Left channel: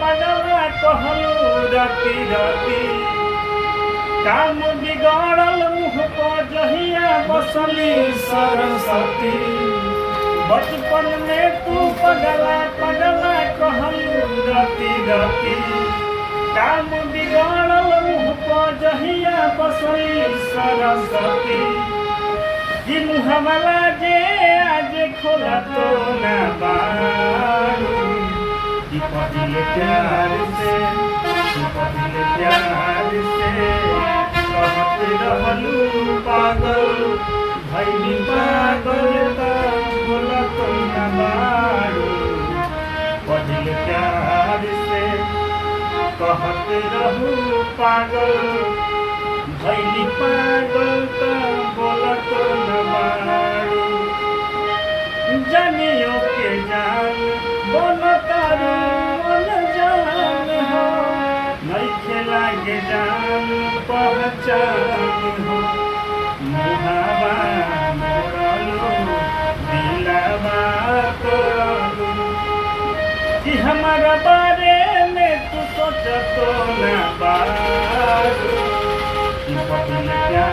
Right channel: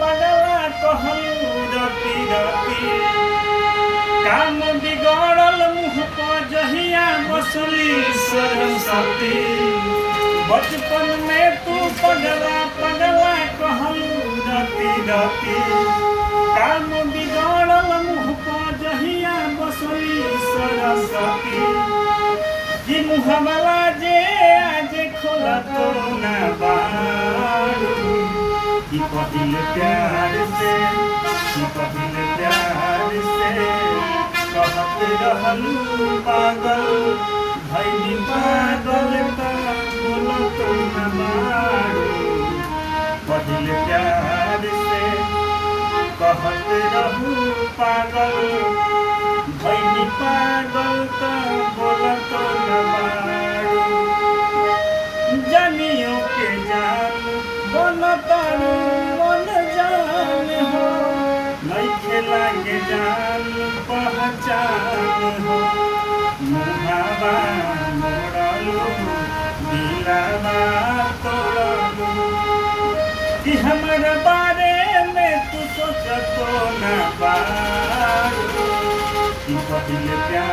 पगला कहलू रति रति काम बिगड़ल मुँह पर जहिया बसली सरस्वती बचपन में तू पगला पगला कहलू रति रति काम बिगड़ल मुँह पर जहिया बसली सरस्वती जी मुहमला जे आज खोला तो ना बारू कि पहिले प्यार से कहत रहलू पागल भैली पागल बोलत ना बारू पहिले प्यार से कहत रहू पागल भैली पागल बोलत ना बारू जानियो के जान बनतारू मन जान हो नहीं खेलांगे जान पहचान हो मुहावा मोड़लू दिलावा तोड़लू कि हमारा बारे में तू सोचतो ना बारू कि पहिले प्यार